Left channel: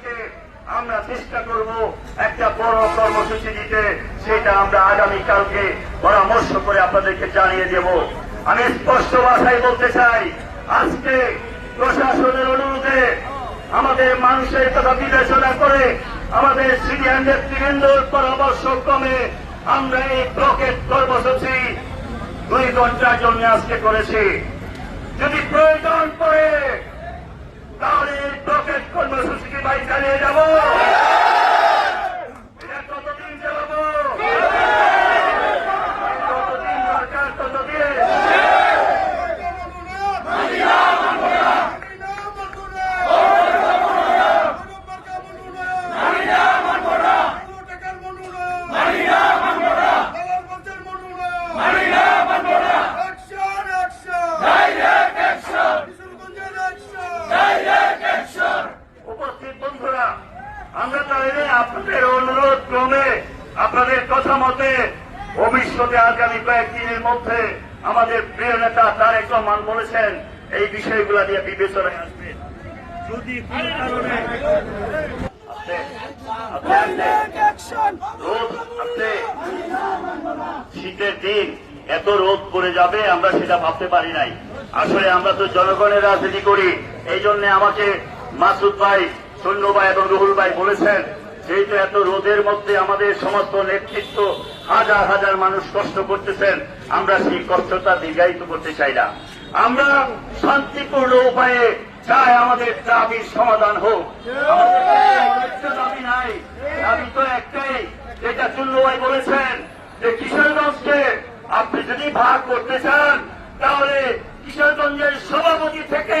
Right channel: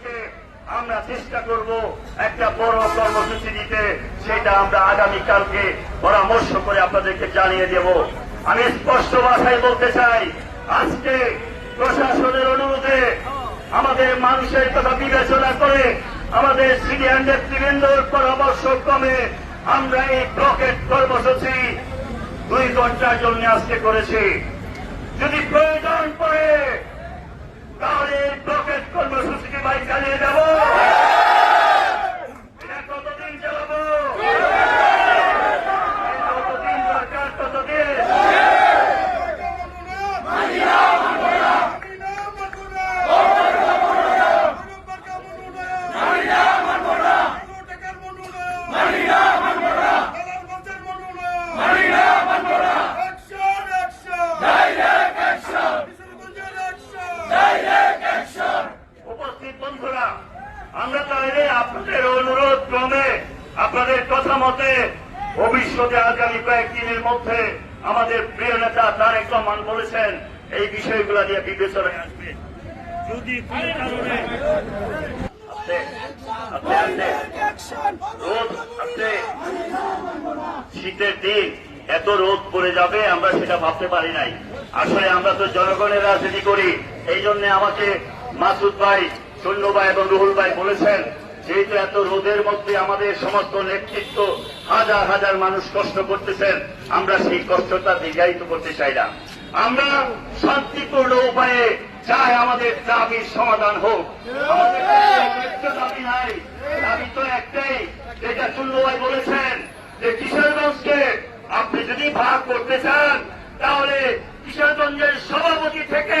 সতেরো আমরা চেষ্টা করব একটা বড় কর্মসূচি দিতে, সেটা আমরা আগামীকালকে পরামর্শ করে আপনাদেরকে জানিয়ে দেব। আমি স্পষ্ট ভাষায় বলতে চাই, আজকে প্রশাসনের অনুরোধে আমাদের মানুষের কথা বিবেচনা করে আমাদের সিনিয়র নেতৃবৃন্দর পরামর্শ ক্রমে আমরা এই ব্লকেট কর্মসূচি দুই ঘণ্টার জন্য আজকে করেছি। যদি প্রয়োজন পড়ে এই ব্লকেট কর্মসূচিকে ভাই চালিয়ে যাব বন্ধুরা, আমরা তাহলে আপনাদের অনুরোধ ক্রমে আপনাদের কথা মতে ভবিষ্যতে আগামী কয়েকদিনের মধ্যে আমাদের প্রিয় নেতা তারেক রহমান বলেছেন, এই বিষয়গুলো নিয়ে বিবেচনায় আসবে। যদি শীতের দিন এত রোদ পড়ে যাবে, আমরা সেটা ভাবতে পারি নাই। আসলে আমরা তো জনগণের রাজনীতি করি, এই জন্য আমাকে মাসুদ ভাই সৈন্য ভাই এবং রুহুল ভাই বলেছেন, যেহেতু এত রোদের মধ্যে আমাদের সমস্ত নেতৃত্ব হাজার হাজার মানুষ কষ্ট করতেছেন, আমরা সেই কষ্টটা দীর্ঘায়িত করতে চাই না আমরা শান্তিপূর্ণ উপায়ে চাই আমাদের দাবির সমাধান হোক। দাবি তো একটাই, যেটা চুল্লু বলেছেন যে কিশোরগঞ্জকে আপনি যদি ভাগ করতে চান, তাহলে কিশোরগঞ্জের সভাপতি থেকে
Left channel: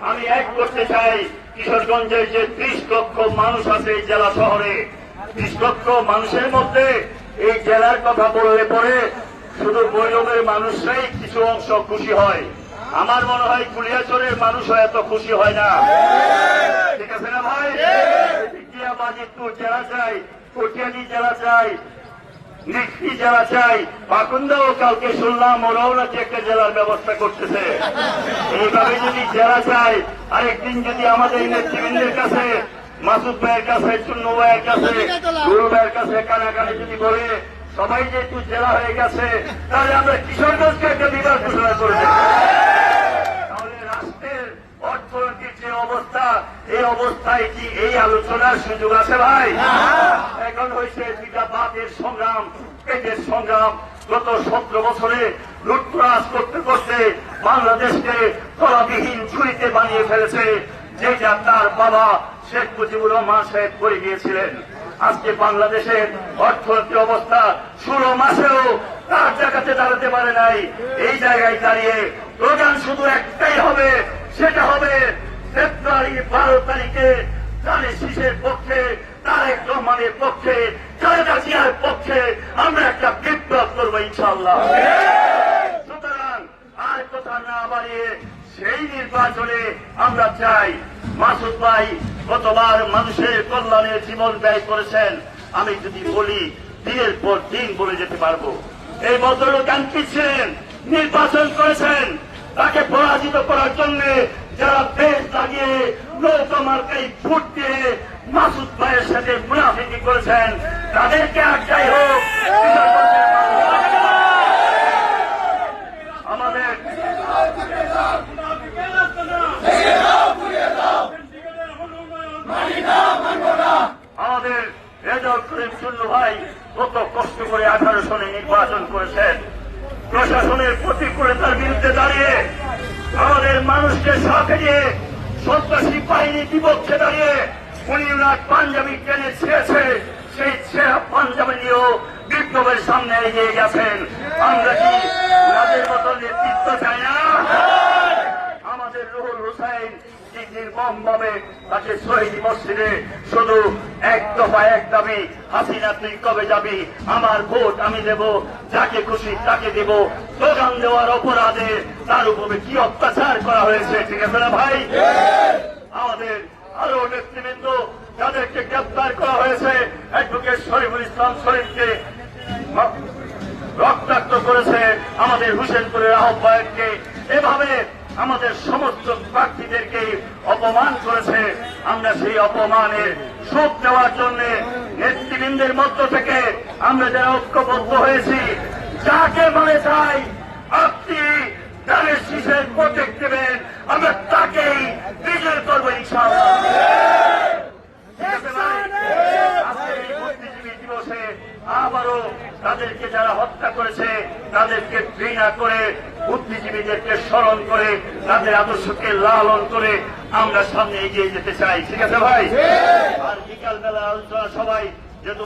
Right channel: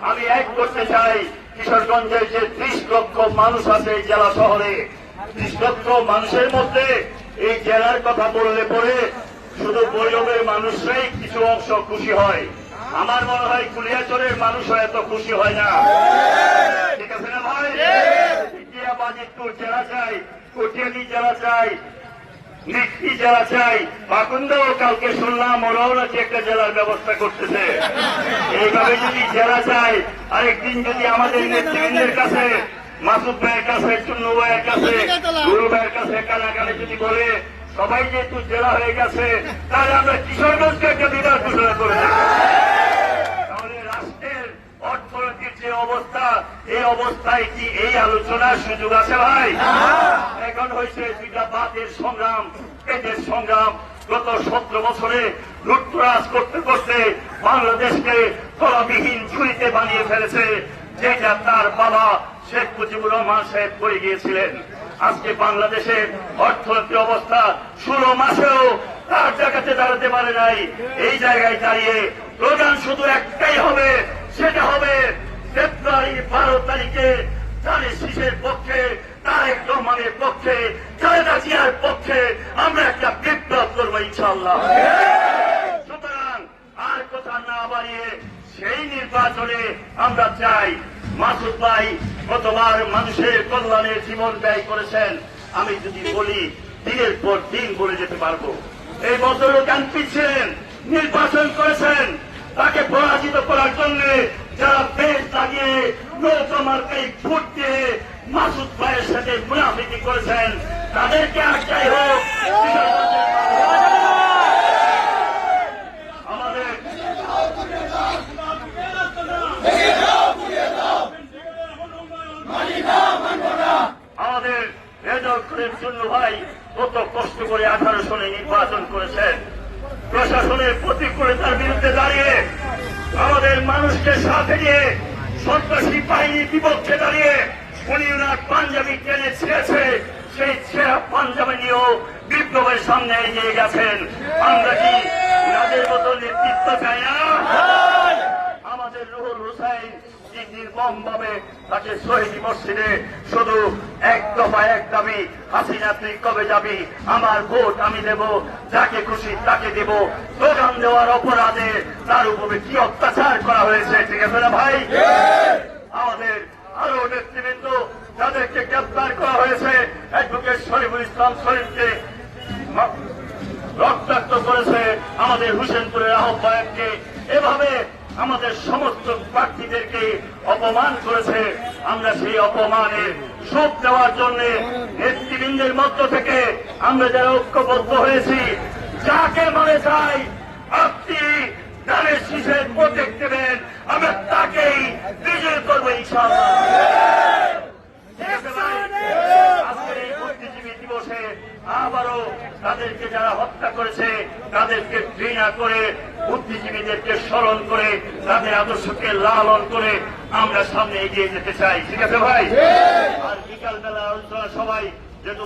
আমি এক করতে চাই কিশোরগঞ্জের যে ত্রিশ লক্ষ মানুষ আছে এই জেলা শহরে। ত্রিশ লক্ষ মানুষের মধ্যে এই জেলার কথা বললে পরে শুধু বৈরবের মানুষরাই কিছু অংশ খুশি হয়। আমার মনে হয় কুলিয়াচরের মানুষরা এত খুশি হয় না। ঠিক আছে না ভাই? ইন্ডিয়া যারা চাই কটিয়ানি যারা চাই নিষ্টি যারা চাই পাকুন্দাও কালকে শুনলাম ওরাও নাকি একটা জেলার ব্যবস্থা করতেছে। এইভাবে যদি যারা চাই আরেকদিন যদি আমাদের নেতৃবৃন্দের কাছে, মাসুদ ভাইয়ের কাছে, চুন্নু ভাইয়ের কাছে, গুরু ভাইয়ের কাছে কানাকানে যদি বলে, সবাই যেহেতু জেলা হয়ে গেছে, তাহলে আমরা কিশোরগঞ্জকে একটা বিভাগ ঘোষণা করে দেব। তাহলে রাষ্ট্রের অর্থনৈতিক যে অবস্থা এই অবস্থায় কি এই আলোচনার সুযোগ আছে ভাই? এখন হয়েছে দুইটা বাতের সংগ্রাম পেটের সংগ্রাম। গত সতেরো বছরে লুটতরাজ করতে করতে বাংলাদেশকে কলাবিহীন ঝুড়িতে বানিয়ে ফেলেছে যেটা তার বাবা শেখ মুজিবুর রহমান সাহেব করে গিয়েছিলেন। আজকে বাংলাদেশের অর্থনৈতিক অবস্থা ষোলো মাসেও তার জায়গাতে দাঁড়াতে পারে নাই। এই জায়গায় দাঁড়িয়ে প্রধান শুধু একটাই হবে সেটা হবে ফেব্রুয়ারি বারো তারিখে তারে শিশের পক্ষে, তারেক রহমানের পক্ষে খালেদা জিয়ার পক্ষে আমরা একটা বিপ্লব করব ইনশাল্লাহ সুতরাং আর কথা না বাড়িয়ে সেই নির্বাচনে আমরা চাই মাসুদ ভাই গতবার মানুষের কল্যাণে জীবন ব্যয় করেছেন। আমি যদি বলি দিনের পর দিন বলে যেতে পারব। এই ভদ্রলোক ছিলেন, নির্বাচন করেছেন। তাকে পরাজিত করার জন্য যারা দেশ লাগিয়ে নৌকা মার্কাই ভোট দিয়ে মাসুদ ভাইয়ের সাথে মুনাফিকি করেছেন, তাদেরকে একটাই হোক কষ্ট করে আঠারো সনে নির্বাচন করেছেন। প্রশাসনের প্রতিকূলতার বিরুদ্ধে দাঁড়িয়ে মানুষকে সাথে নিয়ে সন্ত্রাসী বাহিনী বিপক্ষে দাঁড়িয়ে উনি পাঞ্জাবি টেনে ছেড়েছে। সেই ছেঁড়া পাঞ্জাবি নিয়েও বিপ্লবের সামনে এগিয়ে গেছেন। আমরা কি তাদের মতো নেতৃত্ব চাই না আমাদের রুহুল হুসাইন কি নির্মম ভাবে তাকে শহীদ মসজিদে শুধু এক দফা এক দাবি, হাসিনা, তুই কবে যাবি? আমার ভোট আমি দেব, যাকে খুশি তাকে দেব। প্রধান দেওয়ার অপরাধে তার উপরে কি অত্যাচার করা হয়েছে, ঠিক আছে ভাই? আমাদের আরও নেতৃবৃন্দ তাদেরকে গ্রেপ্তার করা হয়েছে। অ্যাডভোকেট শরীফুল ইসলাম শরীফকে রক্তাক্ত করেছে আমাদের হুসেনপুরের আহ্বায়ককে। এভাবে আমাদের সমস্ত প্রার্থীদেরকে অপমান করেছে। আমরা সেই অপমানের শোধ দেওয়ার জন্য নেতৃবৃন্দের মধ্য থেকে আমরা যারা ঐক্যবদ্ধ হয়েছি, যাকে বলে চাই, আপনি ধানের শীষের প্রত্যেক দেবেন। আমরা তাকেই বিজয় করব ইনশাআল্লাহ। আজকের এই বুদ্ধিজীবী দিবসে আবারও তাদেরকে যারা হত্যা করেছে তাদেরকে ঘৃণা করে বুদ্ধিজীবীদেরকে স্মরণ করে তাদের আদর্শকে লালন করে আমরা সামনে এগিয়ে যেতে চাই। ঠিক আছে ভাই? আর বিকালবেলা আলোচনা সবাই যেহেতু